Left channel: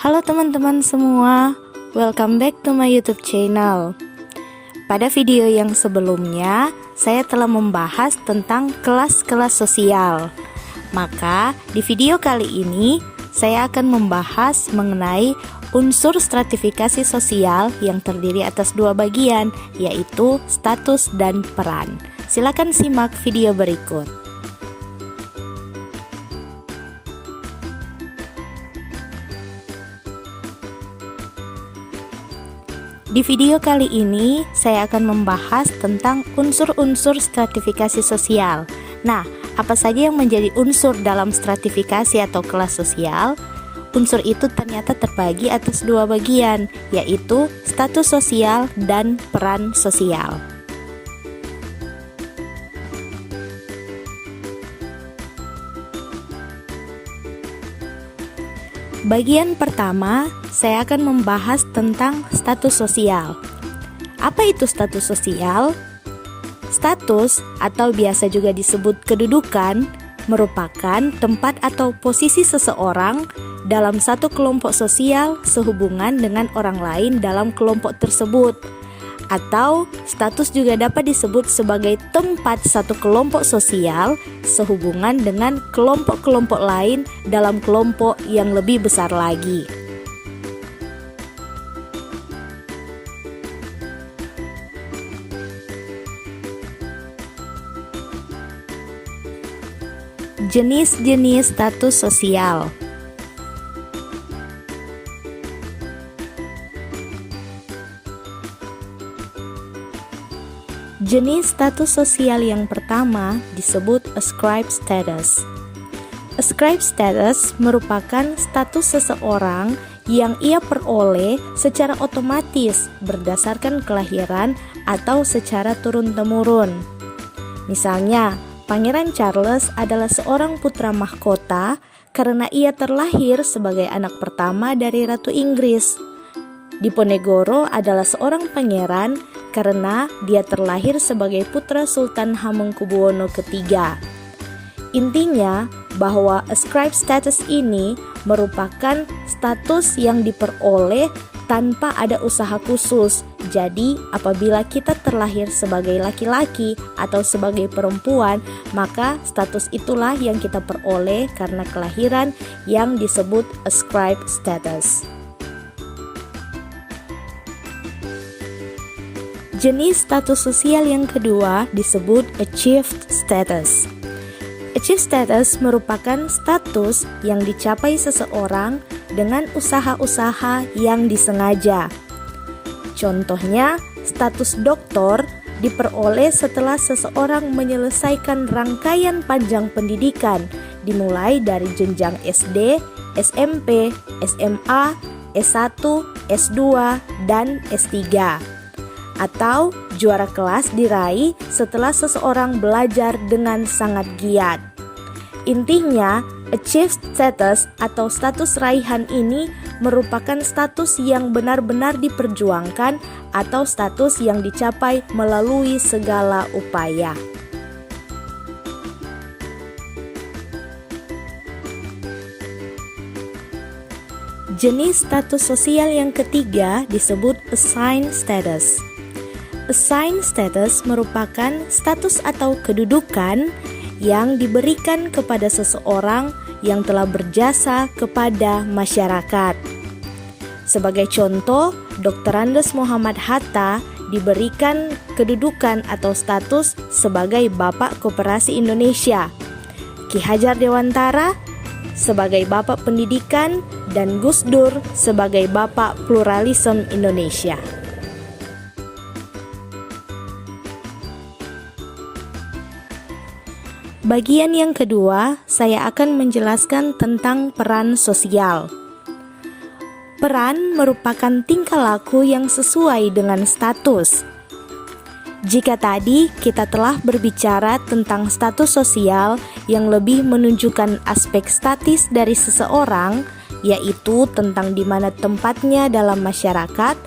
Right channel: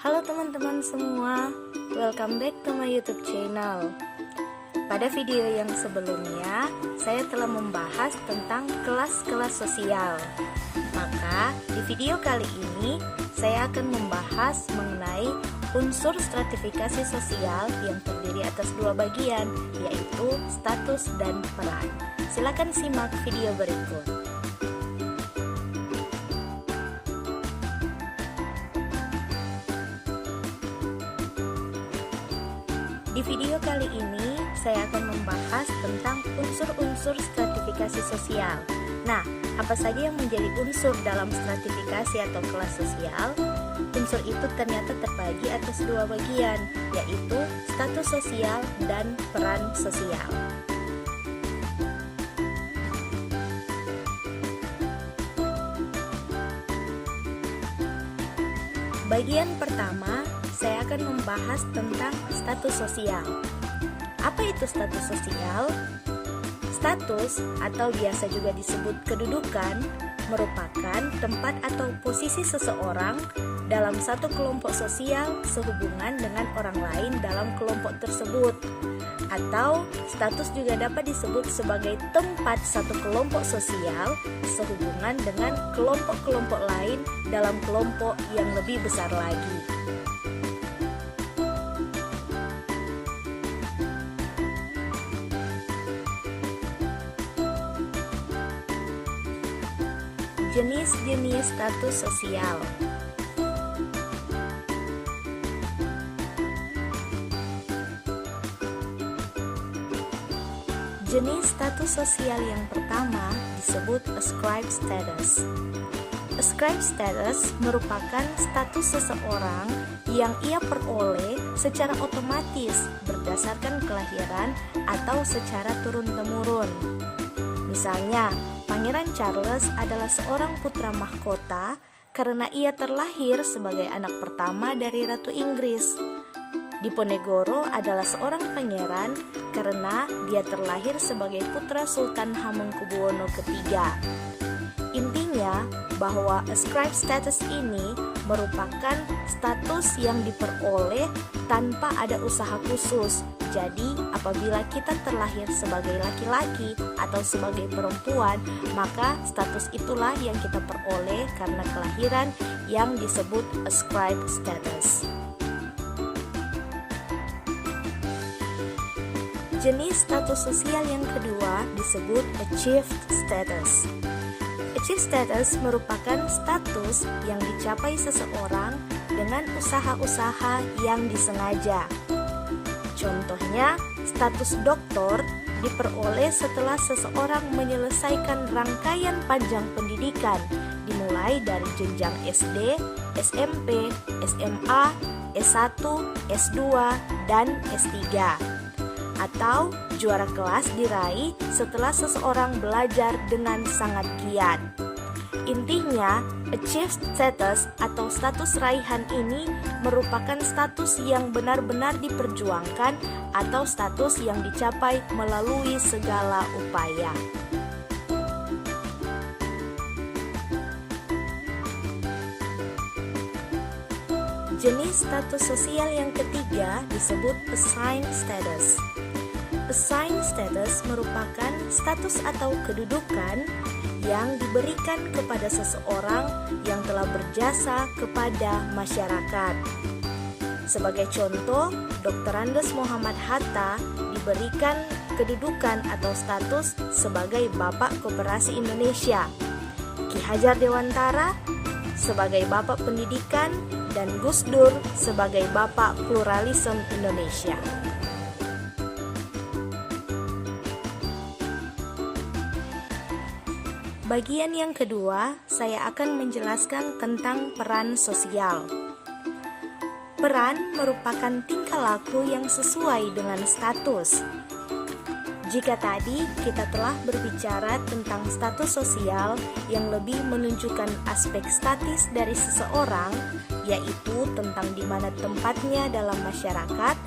Halo teman-teman semua, welcome back to my YouTube channel. Pada video yang sebelumnya, saya telah membahas tentang kelas-kelas sosial. Maka, di video kali ini, saya akan membahas mengenai unsur stratifikasi sosial yang terdiri atas dua bagian, yaitu status dan peran. Silakan simak video berikut. Di video kali ini, saya akan membahas tentang unsur-unsur stratifikasi sosial. Nah, apa saja yang menjadi unsur dalam stratifikasi atau kelas sosial? Unsur itu ternyata terbagi atas dua bagian, yaitu status sosial dan peran sosial. Bagian pertama, saya akan membahas tentang status sosial. Apa itu status sosial? Status atau biasa juga disebut kedudukan merupakan tempat atau posisi seseorang dalam satu kelompok sosial sehubungan dengan orang lain dalam kelompok tersebut. Atau status juga dapat disebut sebagai tempat satu kelompok sosial sehubungan dengan kelompok-kelompok lain dalam kelompok yang lebih besar lagi. Jenis-jenis status sosial. Jenis status sosial yang pertama disebut ascribed status. Ascribed status merupakan status seseorang yang ia peroleh secara otomatis berdasarkan kelahiran atau secara turun-temurun. Misalnya, Pangeran Charles adalah seorang putra mahkota karena ia terlahir sebagai anak pertama dari Ratu Inggris. Diponegoro adalah seorang pangeran karena dia terlahir sebagai putra Sultan Hamengkubuwono III. Intinya bahwa ascribed status ini merupakan status yang diperoleh tanpa ada usaha khusus. Jadi apabila kita terlahir sebagai laki-laki atau sebagai perempuan, maka status itulah yang kita peroleh karena kelahiran yang disebut ascribed status. Jenis status sosial yang kedua disebut achieved status. Achieved status merupakan status yang dicapai seseorang dengan usaha-usaha yang disengaja. Contohnya, status doktor diperoleh setelah seseorang menyelesaikan rangkaian panjang pendidikan dimulai dari jenjang SD, SMP, SMA, S1, S2, dan S3. Atau juara kelas diraih setelah seseorang belajar dengan sangat giat. Intinya, achieved status atau status raihan ini merupakan status yang benar-benar diperjuangkan atau status yang dicapai melalui segala upaya. Jenis status sosial yang ketiga disebut assigned status. Assigned status merupakan status atau kedudukan yang diberikan kepada seseorang yang telah berjasa kepada masyarakat. Sebagai contoh, Dr. Andes Muhammad Hatta diberikan kedudukan atau status sebagai Bapak Koperasi Indonesia, Ki Hajar Dewantara sebagai Bapak Pendidikan, dan Gus Dur sebagai Bapak Pluralisme Indonesia. Bagian yang kedua, saya akan menjelaskan tentang peran sosial. Peran merupakan tingkah laku yang sesuai dengan status. Jika tadi kita telah berbicara tentang status sosial yang lebih menunjukkan aspek statis dari seseorang, yaitu tentang di mana tempatnya dalam masyarakat,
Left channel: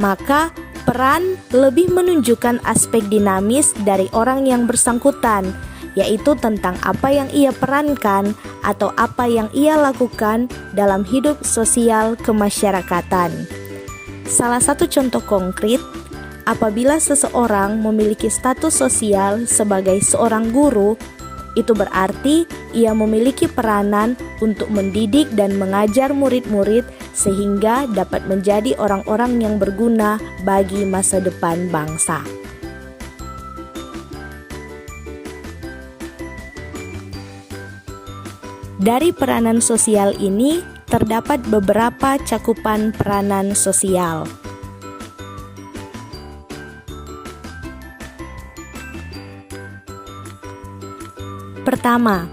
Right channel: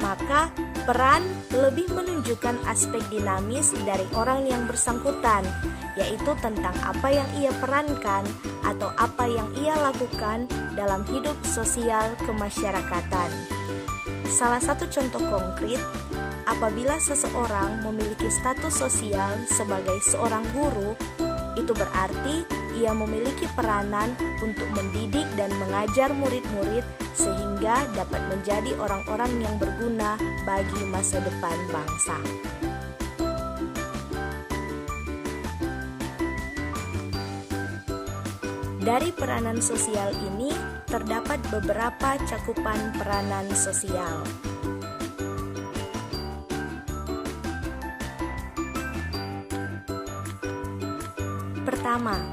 maka peran lebih menunjukkan aspek dinamis dari orang yang bersangkutan, yaitu tentang apa yang ia perankan atau apa yang ia lakukan dalam hidup sosial kemasyarakatan. Salah satu contoh konkret, apabila seseorang memiliki status sosial sebagai seorang guru, itu berarti ia memiliki peranan untuk mendidik dan mengajar murid-murid sehingga dapat menjadi orang-orang yang berguna bagi masa depan bangsa. Dari peranan sosial ini terdapat beberapa cakupan peranan sosial. Pertama,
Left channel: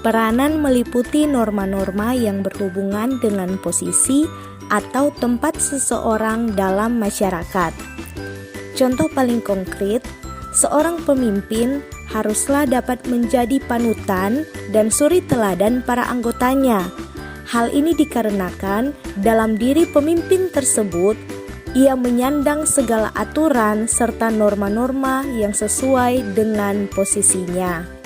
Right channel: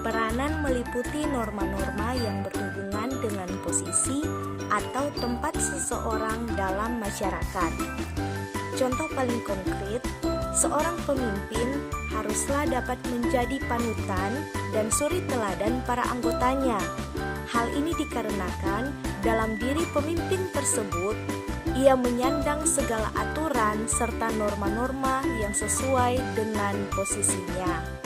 peranan meliputi norma-norma yang berhubungan dengan posisi atau tempat seseorang dalam masyarakat. Contoh paling konkret, seorang pemimpin haruslah dapat menjadi panutan dan suri teladan para anggotanya. Hal ini dikarenakan dalam diri pemimpin tersebut, ia menyandang segala aturan serta norma-norma yang sesuai dengan posisinya.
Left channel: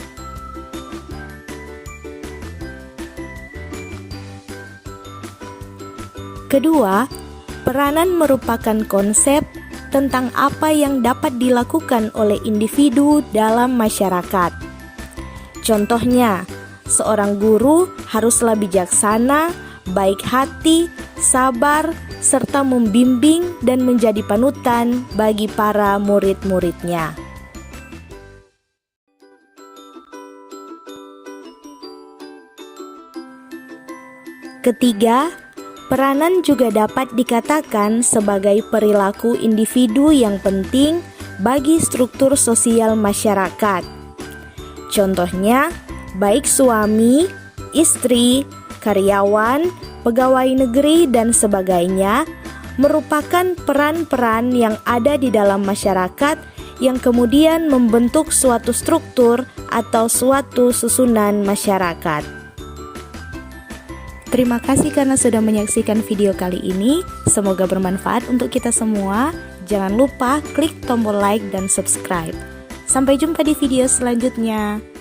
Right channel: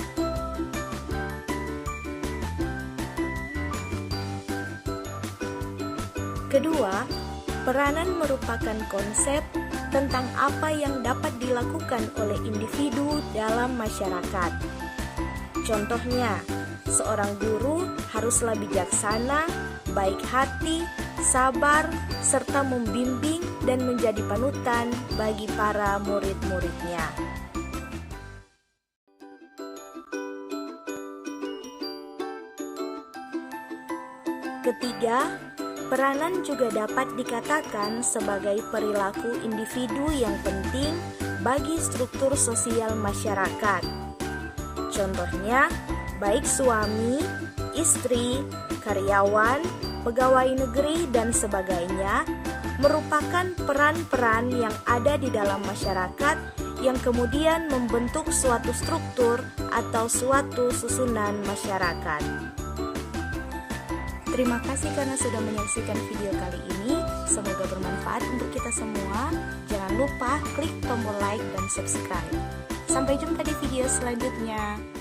Kedua, peranan merupakan konsep tentang apa yang dapat dilakukan oleh individu dalam masyarakat. Contohnya, seorang guru haruslah bijaksana, baik hati, sabar, serta membimbing dan menjadi panutan bagi para murid-muridnya. Ketiga, peranan juga dapat dikatakan sebagai perilaku individu yang penting bagi struktur sosial masyarakat. Contohnya, baik suami, istri, karyawan, pegawai negeri, dan sebagainya merupakan peran-peran yang ada di dalam masyarakat yang kemudian membentuk suatu struktur atau suatu susunan masyarakat. Terima kasih karena sudah menyaksikan video kali ini. Semoga bermanfaat untuk kita semua. Jangan lupa klik tombol like dan subscribe. Sampai jumpa di video selanjutnya.